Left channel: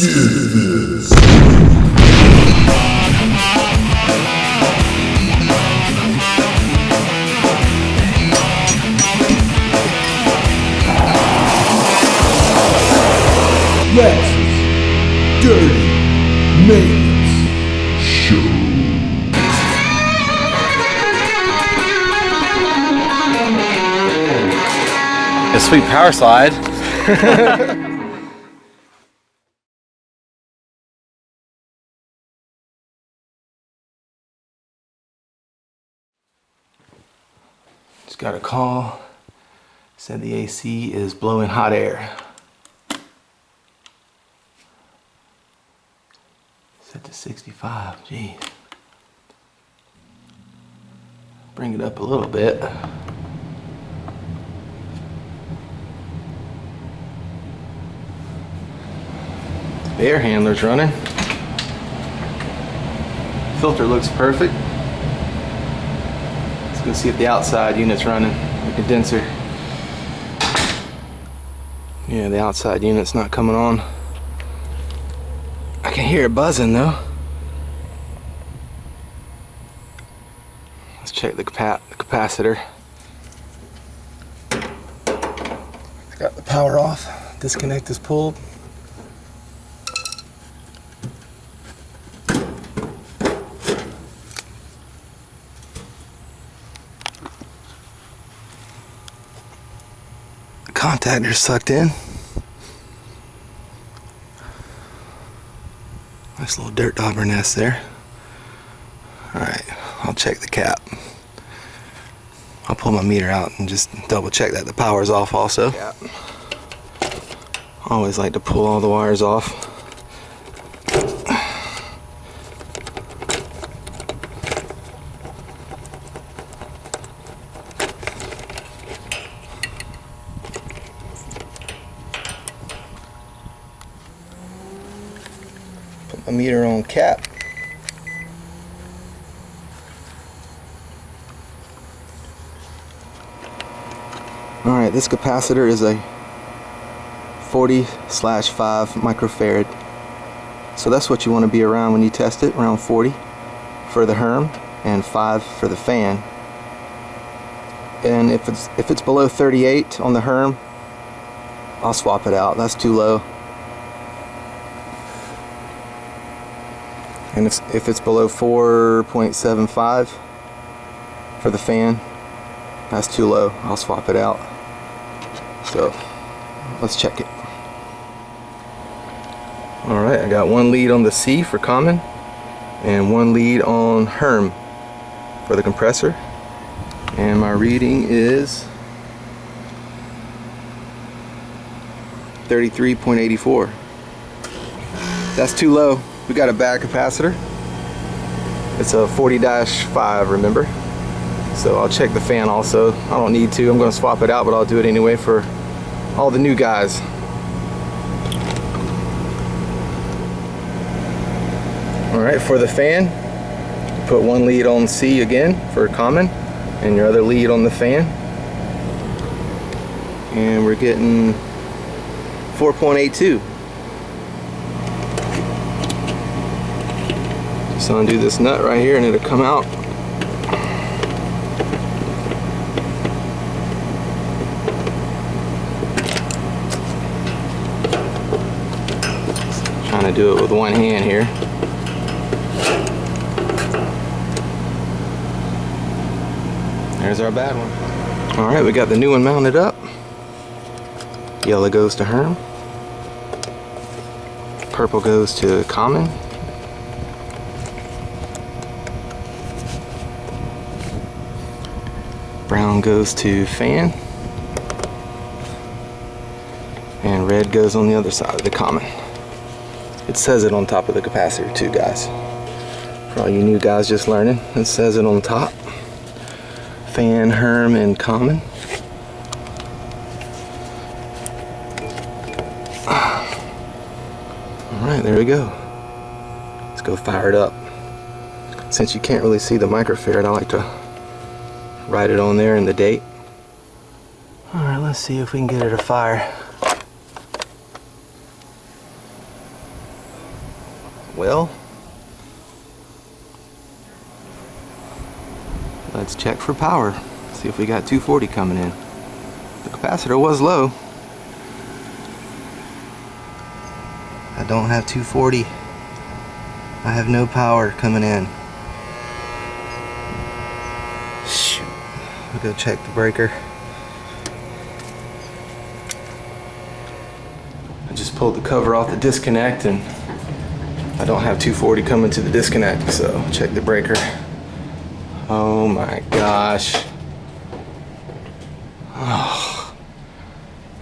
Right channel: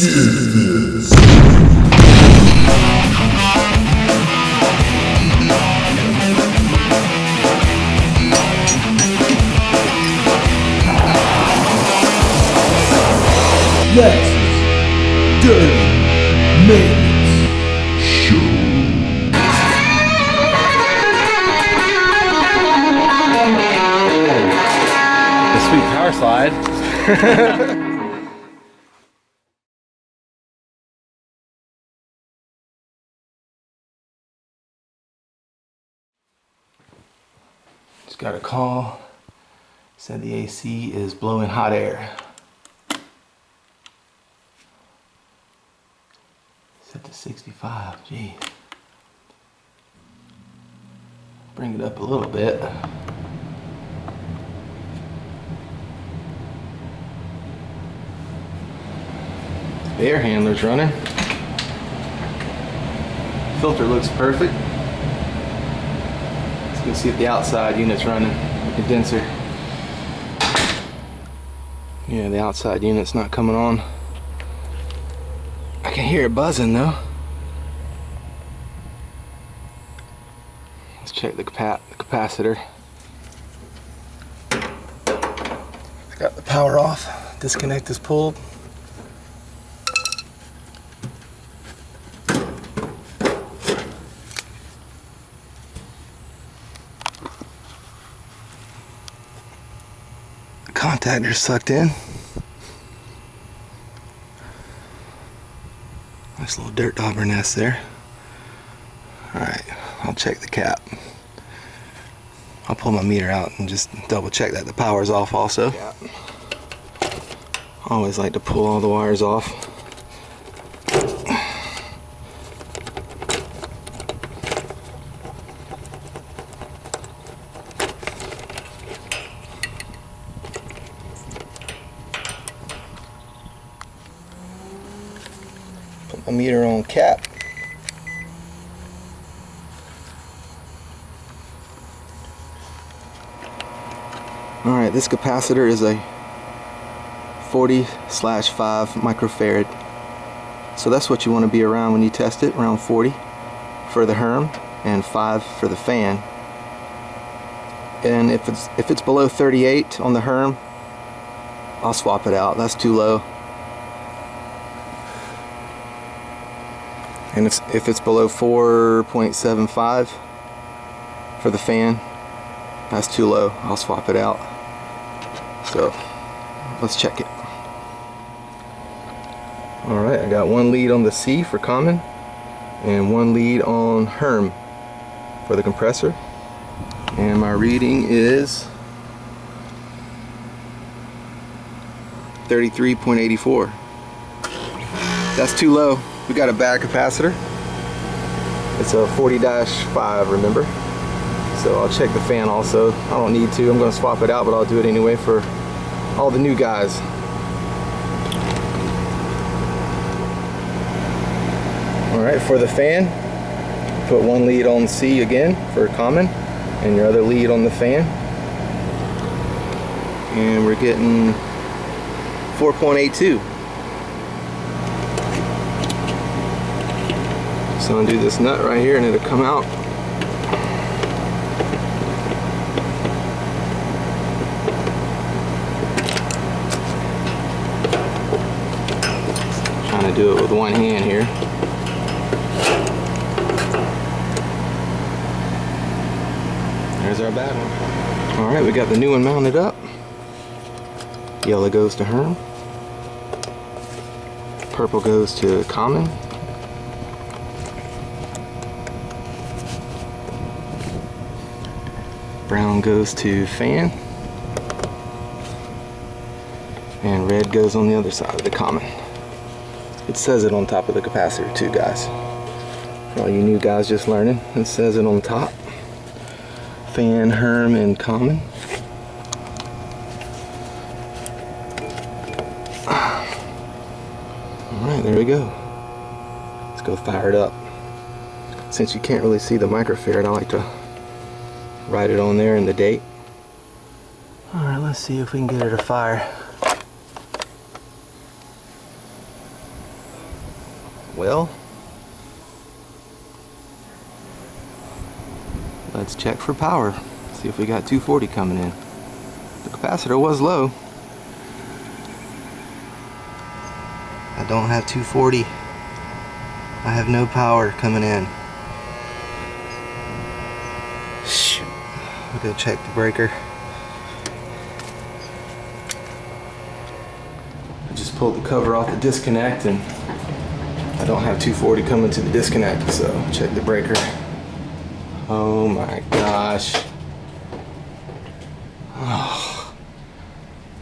Lex's Dirty Maintenance Show. A sweet power slide. Just got a call. Said the AC is blowing hot air. Set to 65, geez. Bring it up a little bit. The air handler's running. Filter looks perfect. Let's go see if the outside unit's running, the condenser. Yeah, the outside unit's not coming on. I can hear it buzzing though. Let's check the capacitor. Got the power off. Disconnect is pulled. The contactor's sucked in. Nice little dirt dauber nest there. Alright, I'll check the cap. I'll pull my meter out and just double check that the power's off also. I always like to pull all the wires off. Put my meter on cap. Alright, this capacitor is a 40/5 microfarad. So that's what you want to be around when you test it, around 40 for the HERM and 5 for the fan. And if it's below 38 on the HERM, I'll swap it out. That's too low. And if it's below 4.75 for the fan, that's too low. I'll swap it out. So let's check it. Alright, I got one lead on the C for common and one lead on HERM for the compressor. And my reading is 33.84. That's too low. We got a bad capacitor. It's a 40-5, remember? So I'll check the fan also. I don't need to, I'm going to swap it out, but I'll do it anyway for all the new guys. Alright, for the fan, put one lead on C again for common, and your other lead on the fan. And we're getting 4.82. So undo this nut right here and it'll come out. Trying to do it with one hand here. There's our bad one. Alright, we got the new one mounted up. Yellow goes to HERM. Purple goes to common. Brown goes to fan. And red goes on the other side of the common. It says it on top of the capacitor too, guys. For all you new guys just learning, it says it on top. Fan, HERM, and common. Alright, there we go. Let's go fire it up. Since you can't really see the microfarad, I like to write it on there in the date. Alright, let's see if we can get it afire. Well, let's check for power. See if we got 240 coming in. The capacitor was low. I don't have 240. I have no power coming in. Shoot. I'll go check the breaker. I just pulled the cover off the disconnect and I don't have 240 coming to the disconnect, so check the breaker. Oh my gosh. Oh,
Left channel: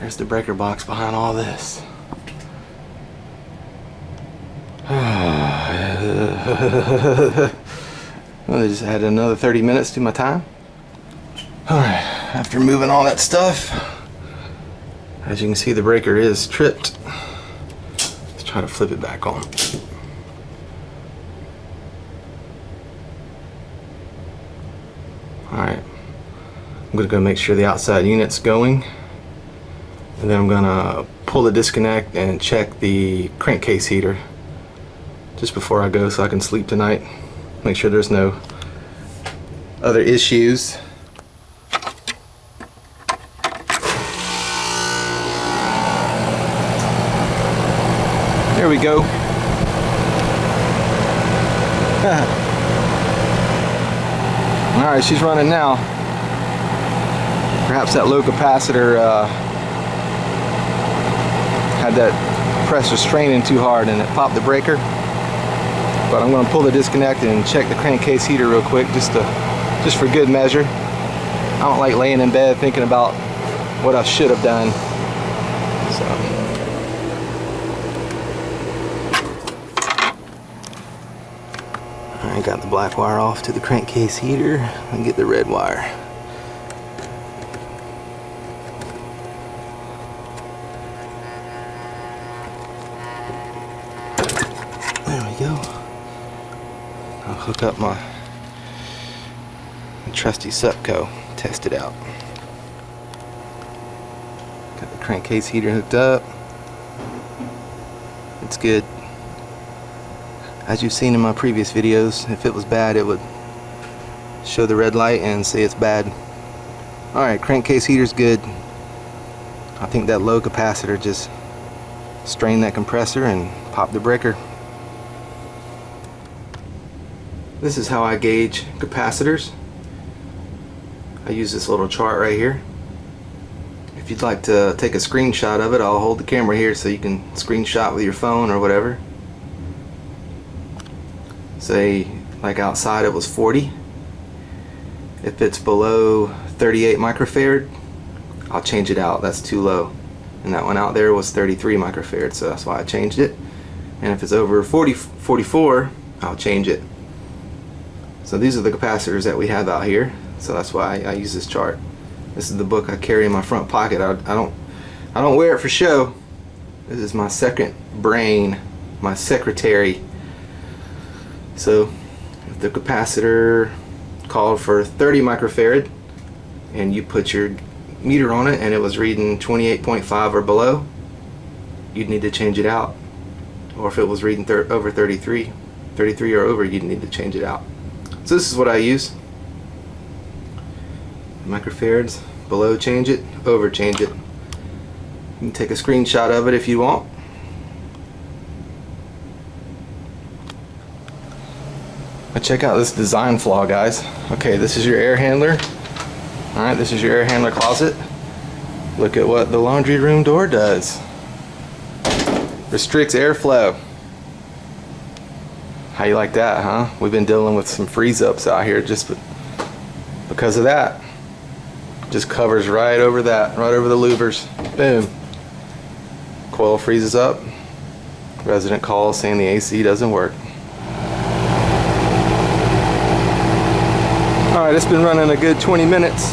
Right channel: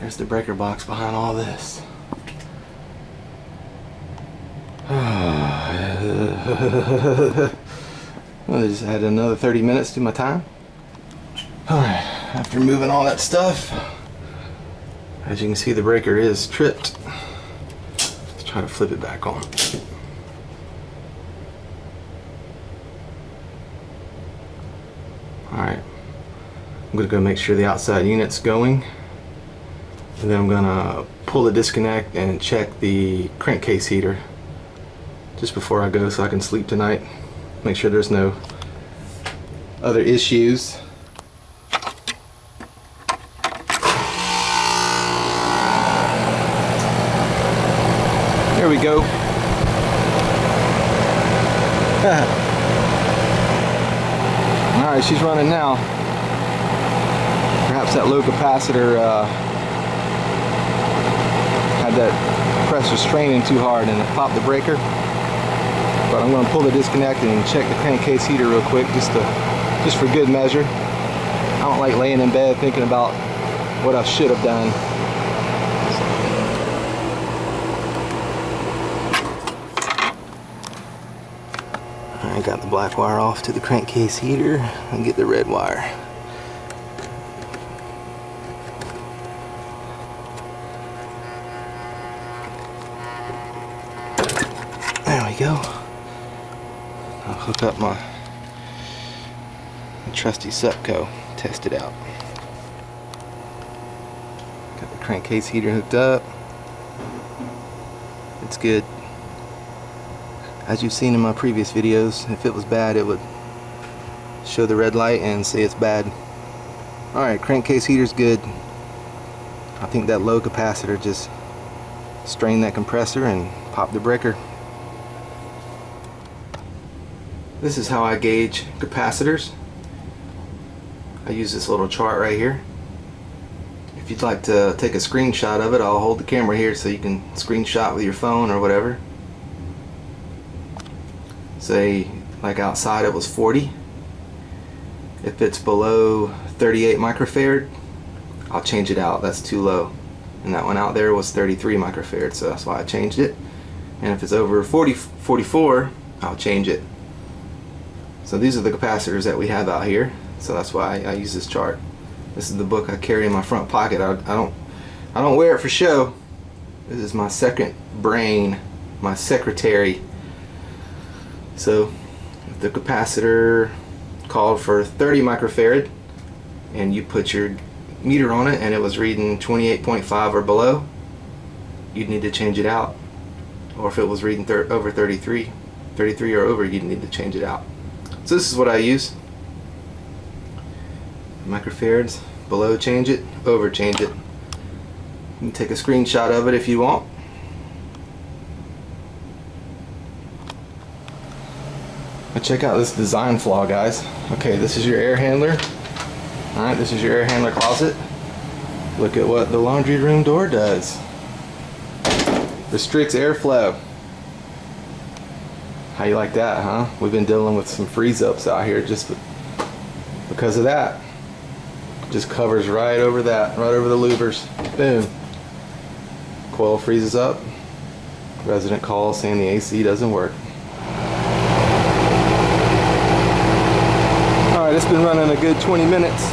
there's the breaker box behind all this. Well, I just had another 30 minutes to my time. Alright, after moving all that stuff, as you can see, the breaker is tripped. Let's try to flip it back on. Alright, I'm going to go make sure the outside unit's going, and then I'm going to pull the disconnect and check the crankcase heater just before I go so I can sleep tonight. Make sure there's no other issues. There we go. Alright, she's running now. Perhaps that low capacitor had that pressure straining too hard and it popped the breaker. But I'm going to pull the disconnect and check the crankcase heater real quick just for good measure. I don't like laying in bed thinking about what I should have done. I got the black wire off to the crankcase heater and get the red wire. There we go. I'll hook up my trusty SUPCO, test it out. Got the crankcase heater hooked up. It's good. As you've seen in my previous videos, if it was bad, it would show the red light and say it's bad. Alright, crankcase heater's good. I think that low capacitor just strained that compressor and popped the breaker. This is how I gauge capacitors. I use this little chart right here. If you'd like to take a screenshot of it, I'll hold the camera here so you can screenshot with your phone or whatever. Say, like outside it was 40. If it's below 38 microfarad, I'll change it out. That's too low. And that one out there was 33 microfarad, so that's why I changed it. And if it's over 44, I'll change it. So these are the capacitors that we have out here. So that's why I use this chart. This is the book I carry in my front pocket. I don't wear it for show. This is my second brain, my secretary. So if the capacitor called for 30 microfarad and you put your meter on it and it was reading 28.5 or below, you'd need to change it out. Or if it was reading over 33 or over, you'd need to change it out. So this is what I use. Microfarads, below change it, over change it. You can take a screenshot of it if you want. But check out this design flaw, guys. Okay, this is your air handler. Alright, this is your air handler closet. Look at what the laundry room door does. Restricts airflow. How you like that, huh? We've been dealing with some freeze-ups out here just because of that. Just covers right over that, right over the louvers. Boom. Coil freezes up. Resident calls saying the AC doesn't work. Alright, it's been running a good 20 minutes.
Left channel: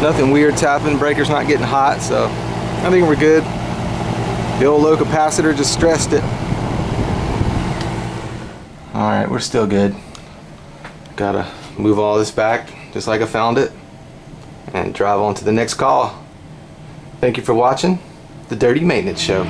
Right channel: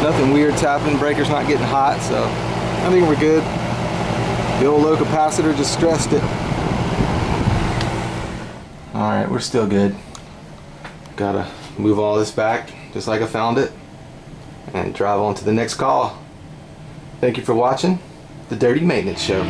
Nothing weird's happened. Breaker's not getting hot, so I think we're good. The old low capacitor just stressed it. Alright, we're still good. Gotta move all this back just like I found it and drive on to the next call. Thank you for watching the Dirty Maintenance Show.